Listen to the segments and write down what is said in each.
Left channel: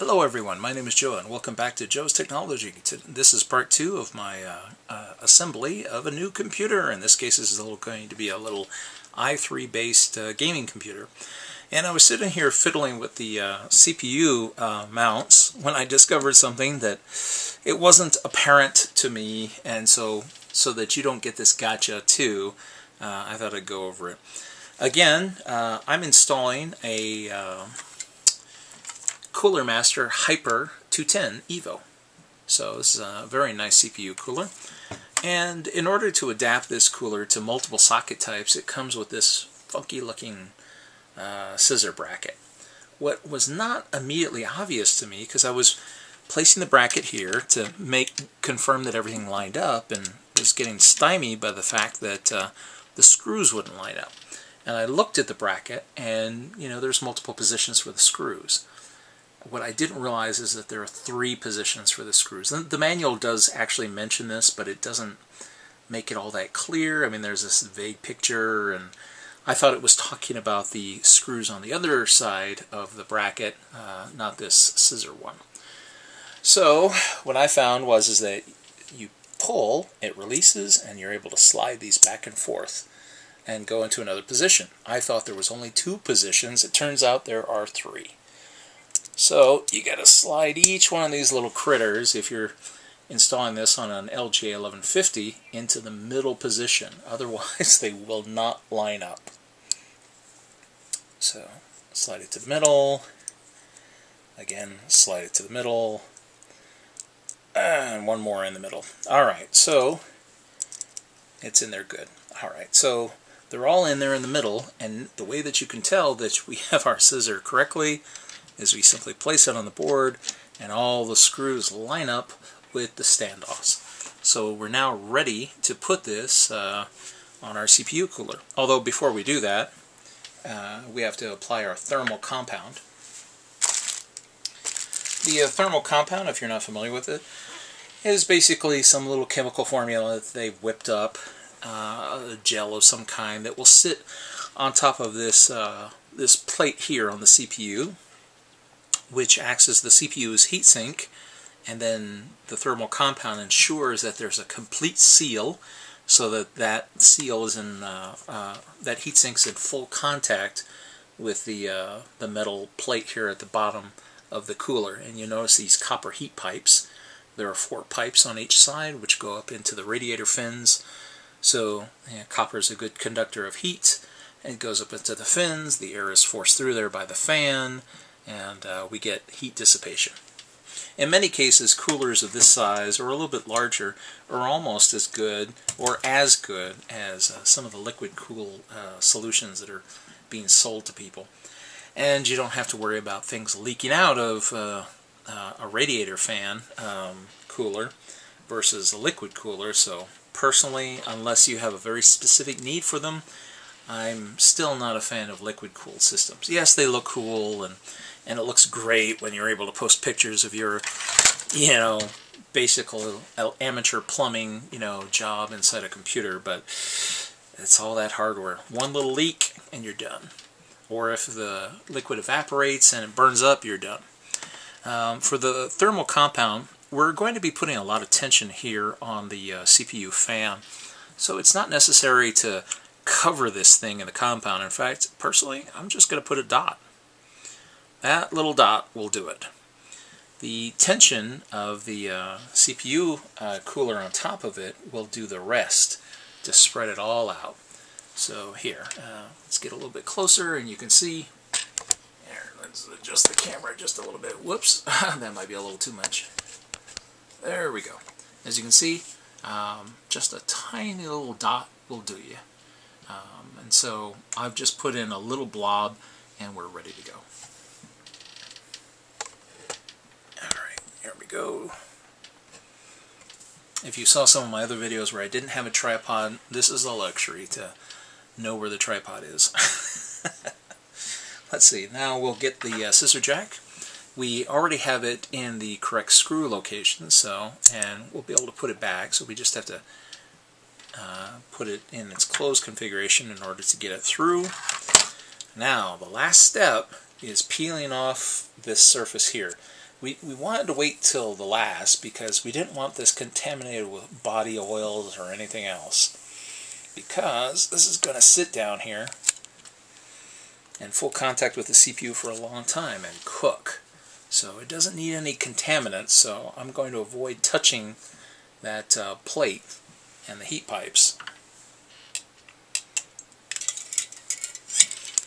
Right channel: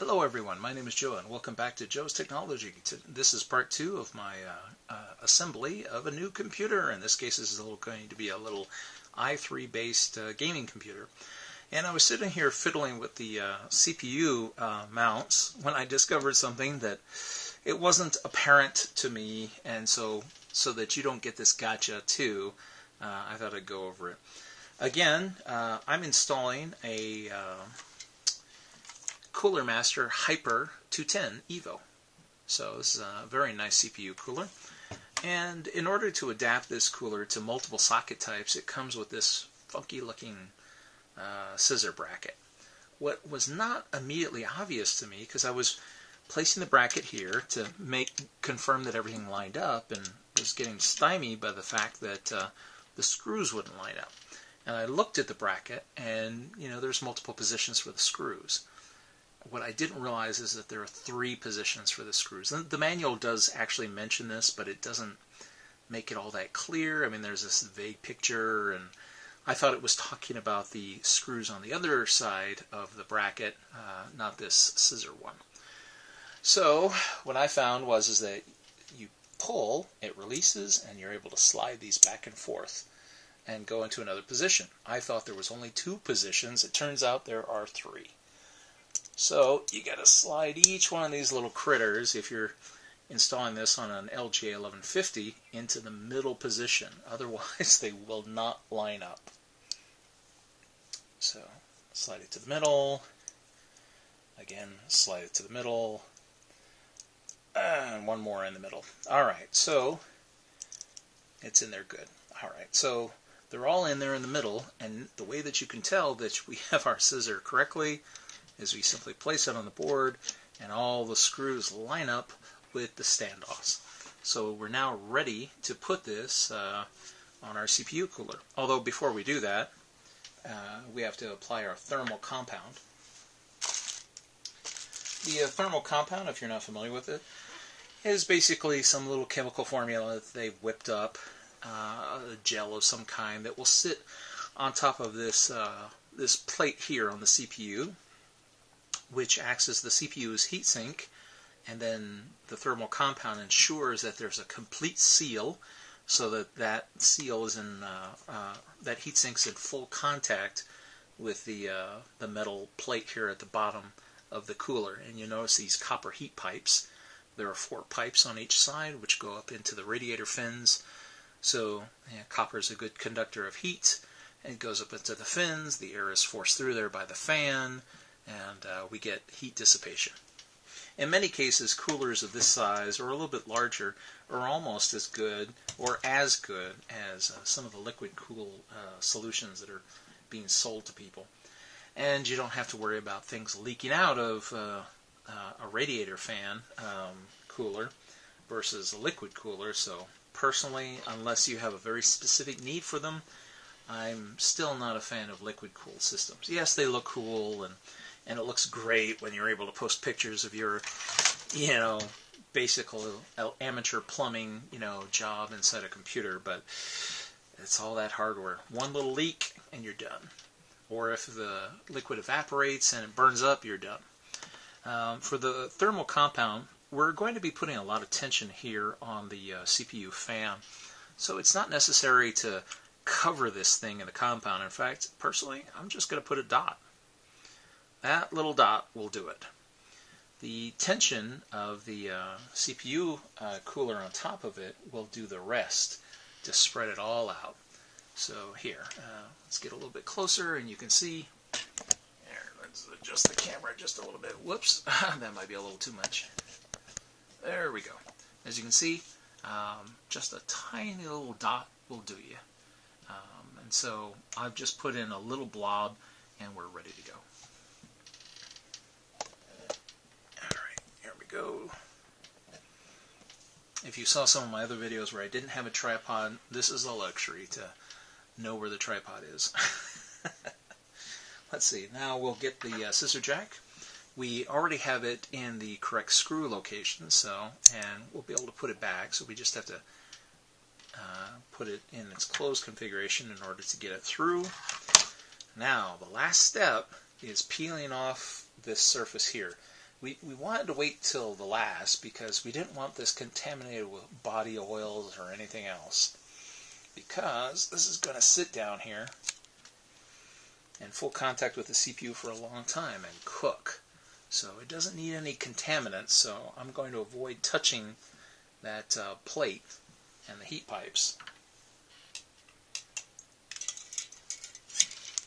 Hello everyone, my name is Joe and welcome back to Joe's Technology. This is part 2 of my assembly of a new computer. In this case, this is going to be a little i3 based gaming computer. And I was sitting here fiddling with the CPU mounts when I discovered something that it wasn't apparent to me, and so that you don't get this gotcha too, I thought I'd go over it. Again, I'm installing a Cooler Master Hyper 210 Evo. So this is a very nice CPU cooler. And in order to adapt this cooler to multiple socket types, it comes with this funky looking scissor bracket. What was not immediately obvious to me, because I was placing the bracket here to confirm that everything lined up, and was getting stymied by the fact that the screws wouldn't line up. And I looked at the bracket, and there's multiple positions for the screws. What I didn't realize is that there are 3 positions for the screws. And the manual does actually mention this, but it doesn't make it all that clear. I mean, there's this vague picture, and I thought it was talking about the screws on the other side of the bracket, not this scissor one. So what I found is that you pull, it releases, and you're able to slide these back and forth and go into another position. I thought there was only 2 positions. It turns out there are 3. So you got to slide each one of these little critters, if you're installing this on an LG 1150, into the middle position. Otherwise they will not line up. So slide it to the middle, again slide it to the middle, and one more in the middle. Alright, so it's in there good. Alright, so they're all in there in the middle, and the way that you can tell that we have our scissor correctly is we simply place it on the board and all the screws line up with the standoffs. So we're now ready to put this on our CPU cooler. Although before we do that, we have to apply our thermal compound. The thermal compound, if you're not familiar with it, is basically some little chemical formula that they've whipped up, a gel of some kind that will sit on top of this, this plate here on the CPU, which acts as the CPU's heatsink, and then the thermal compound ensures that there's a complete seal, so that that seal is in that heatsink's in full contact with the metal plate here at the bottom of the cooler. And you notice these copper heat pipes. There are 4 pipes on each side which go up into the radiator fins. So copper is a good conductor of heat, and it goes up into the fins. The air is forced through there by the fan, and we get heat dissipation. In many cases, coolers of this size or a little bit larger are almost as good or as good as some of the liquid cool solutions that are being sold to people. And you don't have to worry about things leaking out of a radiator fan cooler versus a liquid cooler. So personally, unless you have a very specific need for them, I'm still not a fan of liquid cooled systems. Yes, they look cool, and it looks great when you're able to post pictures of your, basic amateur plumbing, job inside a computer, but it's all that hardware. One little leak and you're done. Or if the liquid evaporates and it burns up, you're done. For the thermal compound, we're going to be putting a lot of tension here on the CPU fan. So it's not necessary to cover this thing in the compound. In fact, personally, I'm just going to put a dot. That little dot will do it. The tension of the CPU cooler on top of it will do the rest to spread it all out. So here, let's get a little bit closer, and you can see. Here, let's adjust the camera just a little bit. Whoops, that might be a little too much. There we go. As you can see, just a tiny little dot will do you. And so I've just put in a little blob, and we're ready to go. Go. If you saw some of my other videos where I didn't have a tripod, this is a luxury to know where the tripod is. Let's see, now we'll get the scissor jack. We already have it in the correct screw location, and we'll be able to put it back, so we just have to put it in its closed configuration in order to get it through. Now, the last step is peeling off this surface here. We wanted to wait till the last because we didn't want this contaminated with body oils or anything else, because this is going to sit down here in full contact with the CPU for a long time and cook. So it doesn't need any contaminants, so I'm going to avoid touching that plate and the heat pipes.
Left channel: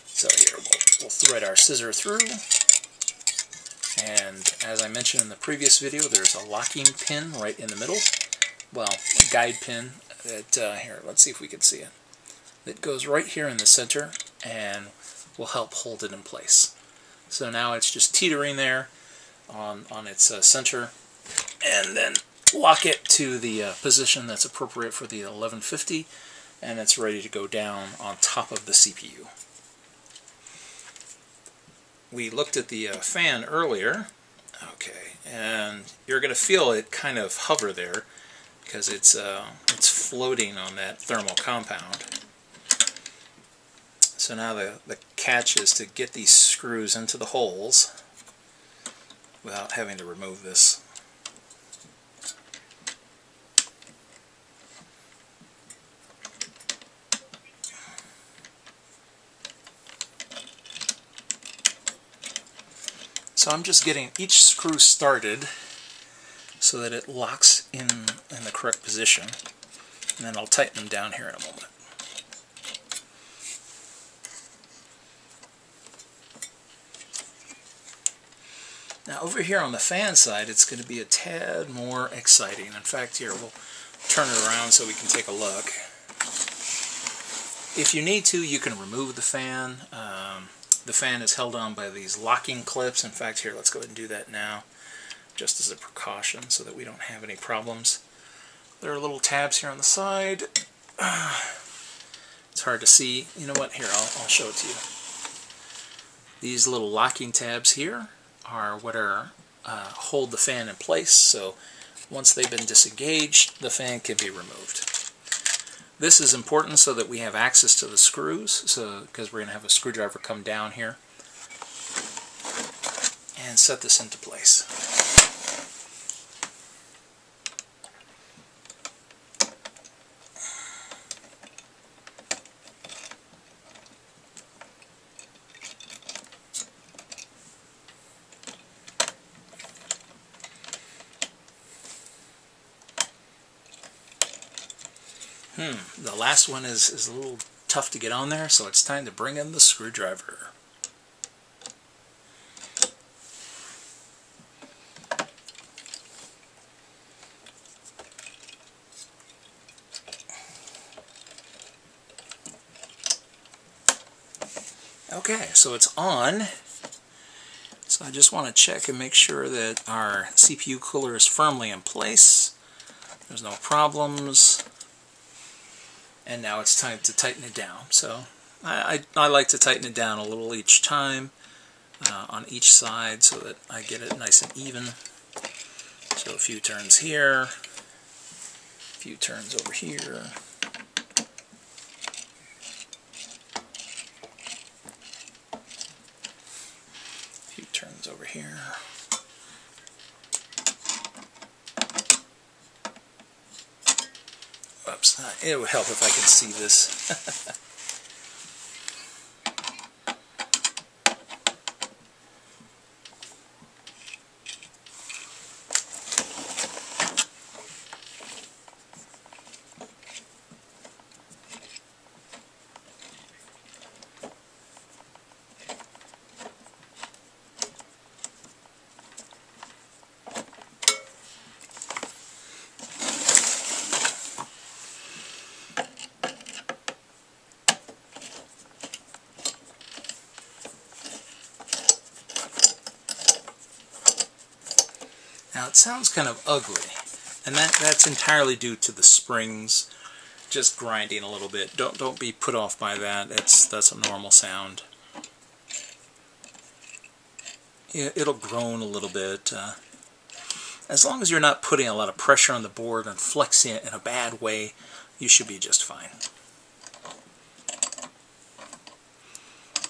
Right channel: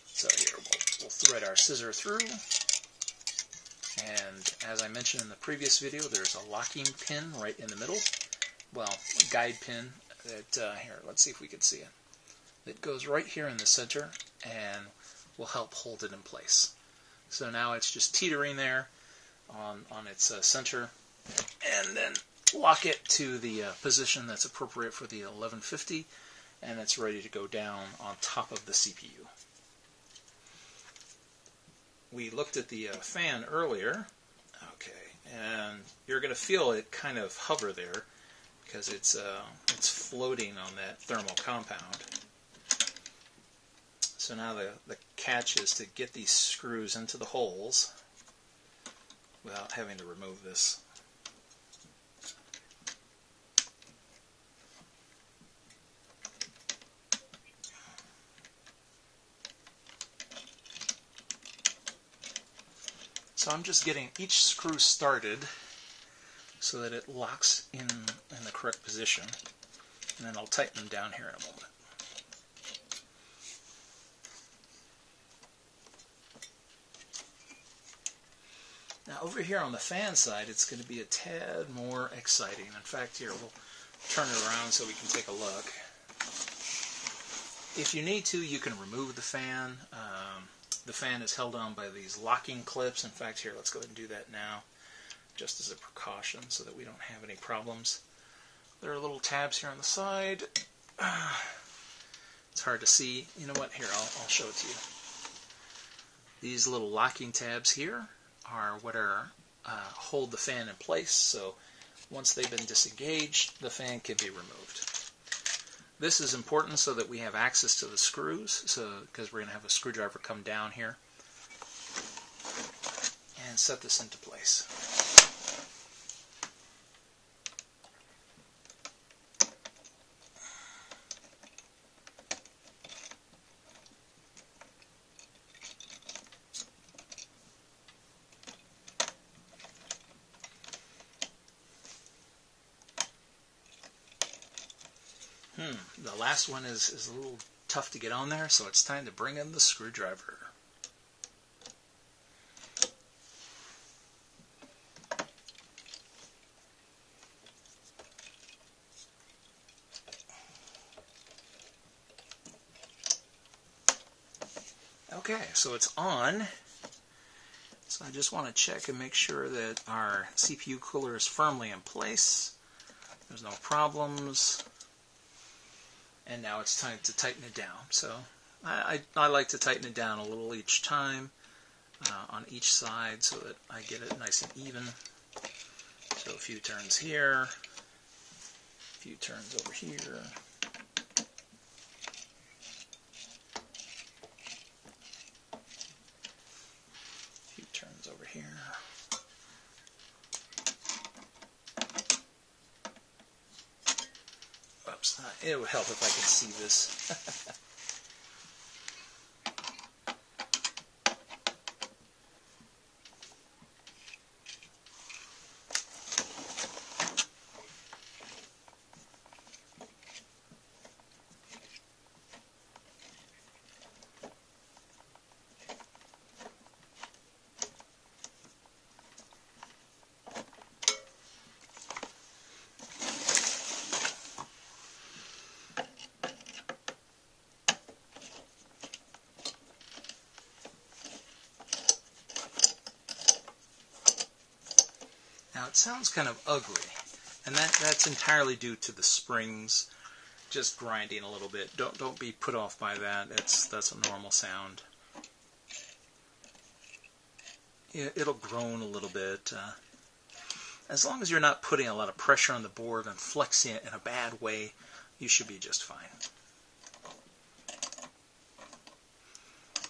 So here we'll thread our scissor through, and as I mentioned in the previous video, there's a locking pin right in the middle. Well, a guide pin that, here, let's see if we can see it. That goes right here in the center and will help hold it in place. So now it's just teetering there on its center, and then lock it to the position that's appropriate for the 1150, and it's ready to go down on top of the CPU. We looked at the fan earlier, okay, and you're going to feel it kind of hover there because it's floating on that thermal compound. So now the catch is to get these screws into the holes without having to remove this. So I'm just getting each screw started so that it locks in the correct position, and then I'll tighten them down here in a moment. Now over here on the fan side, it's going to be a tad more exciting. In fact, here we'll turn it around so we can take a look. If you need to, you can remove the fan. The fan is held on by these locking clips. In fact, here, let's go ahead and do that now, just as a precaution so that we don't have any problems. There are little tabs here on the side. It's hard to see. You know what? Here, I'll show it to you. These little locking tabs here are what hold the fan in place, so once they've been disengaged, the fan can be removed. This is important so that we have access to the screws, because we're going to have a screwdriver come down here and set this into place. The last one is a little tough to get on there, so it's time to bring in the screwdriver. Okay, so it's on. So I just want to check and make sure that our CPU cooler is firmly in place. There's no problems. And now it's time to tighten it down. So I like to tighten it down a little each time on each side so that I get it nice and even. So a few turns here, a few turns over here. A few turns over here. Oops, it would help if I could see this. Now it sounds kind of ugly, and that's entirely due to the springs just grinding a little bit. Don't be put off by that. That's a normal sound. It'll groan a little bit. As long as you're not putting a lot of pressure on the board and flexing it in a bad way, you should be just fine.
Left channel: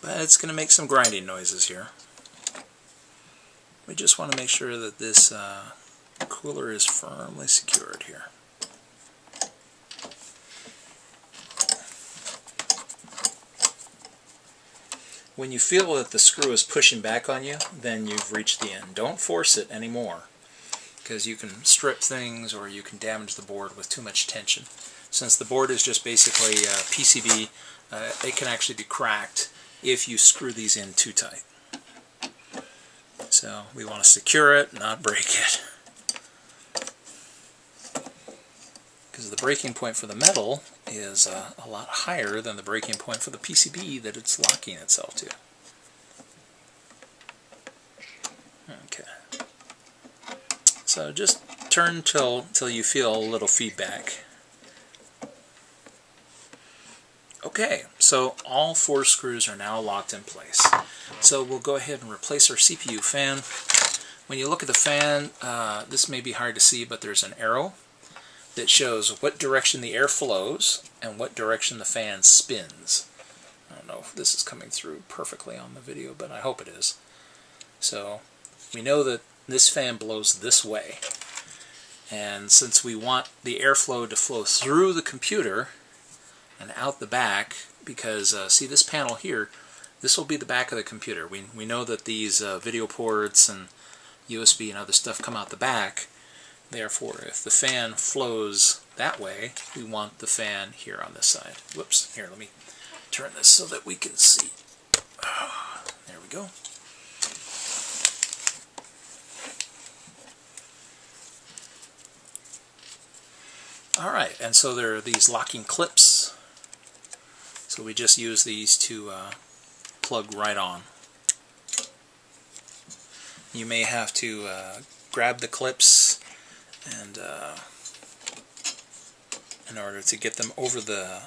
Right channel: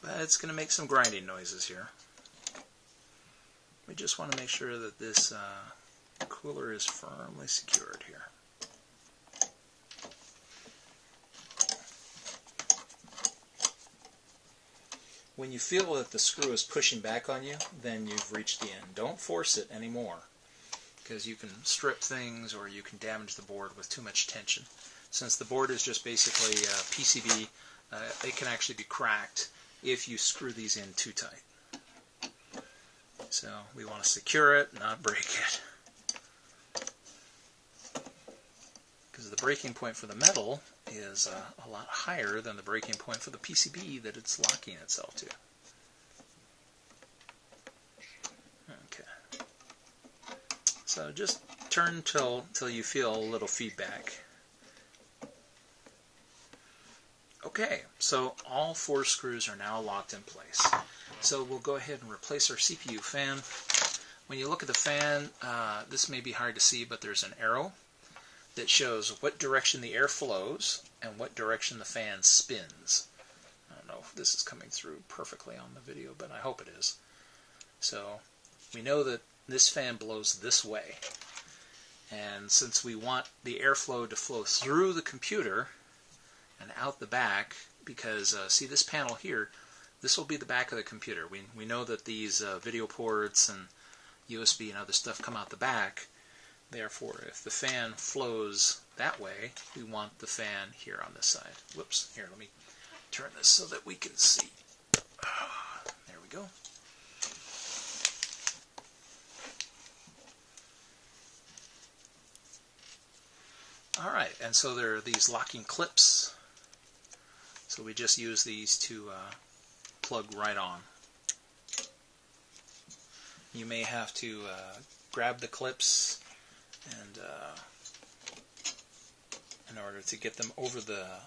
But it's going to make some grinding noises here. We just want to make sure that this cooler is firmly secured here. When you feel that the screw is pushing back on you, then you've reached the end. Don't force it anymore, because you can strip things or you can damage the board with too much tension. Since the board is just basically PCB, it can actually be cracked if you screw these in too tight. So we want to secure it, not break it. Because the breaking point for the metal is a lot higher than the breaking point for the PCB that it's locking itself to. Okay. So just turn till you feel a little feedback. Okay, so all 4 screws are now locked in place. So we'll go ahead and replace our CPU fan. When you look at the fan, this may be hard to see, but there's an arrow that shows what direction the air flows and what direction the fan spins. I don't know if this is coming through perfectly on the video, but I hope it is. So we know that this fan blows this way. And since we want the airflow to flow through the computer and out the back, because see this panel here, this will be the back of the computer. We know that these video ports and USB and other stuff come out the back. Therefore, if the fan flows that way, we want the fan here on this side. Whoops, here, let me turn this so that we can see. There we go. Alright, and so there are these locking clips. So we just use these to plug right on. You may have to grab the clips and in order to get them over the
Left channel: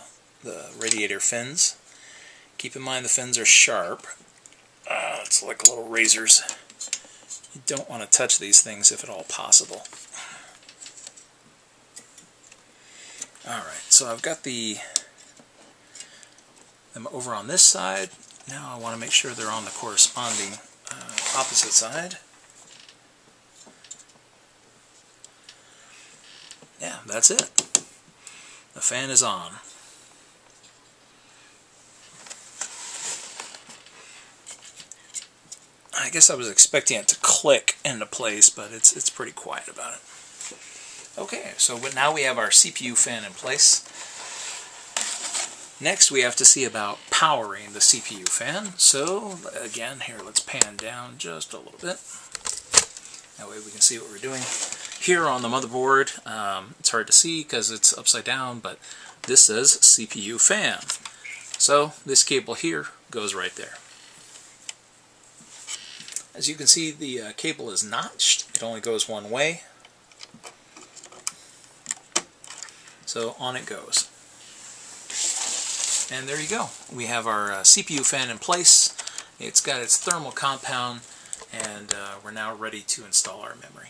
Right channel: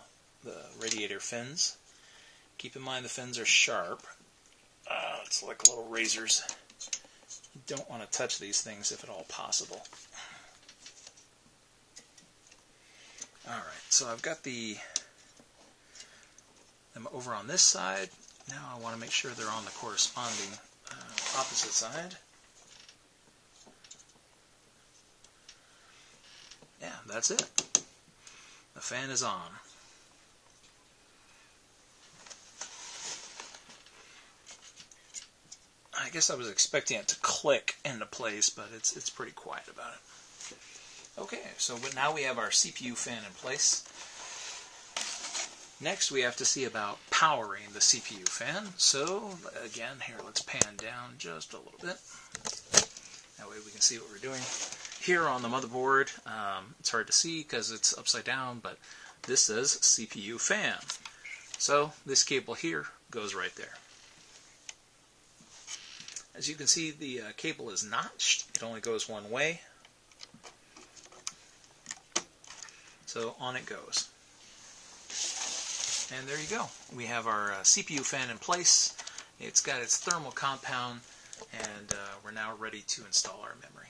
radiator fins. Keep in mind the fins are sharp. It's like little razors. You don't want to touch these things if at all possible. Alright, so I've got them over on this side. Now I want to make sure they're on the corresponding opposite side. Yeah, that's it. The fan is on. I guess I was expecting it to click into place, but it's pretty quiet about it. Okay, so now we have our CPU fan in place. Next we have to see about powering the CPU fan. So again, here, let's pan down just a little bit. That way we can see what we're doing. Here on the motherboard, it's hard to see because it's upside down, but this says CPU fan. So this cable here goes right there. As you can see, the cable is notched. It only goes one way. So on it goes. And there you go. We have our CPU fan in place. It's got its thermal compound, and we're now ready to install our memory.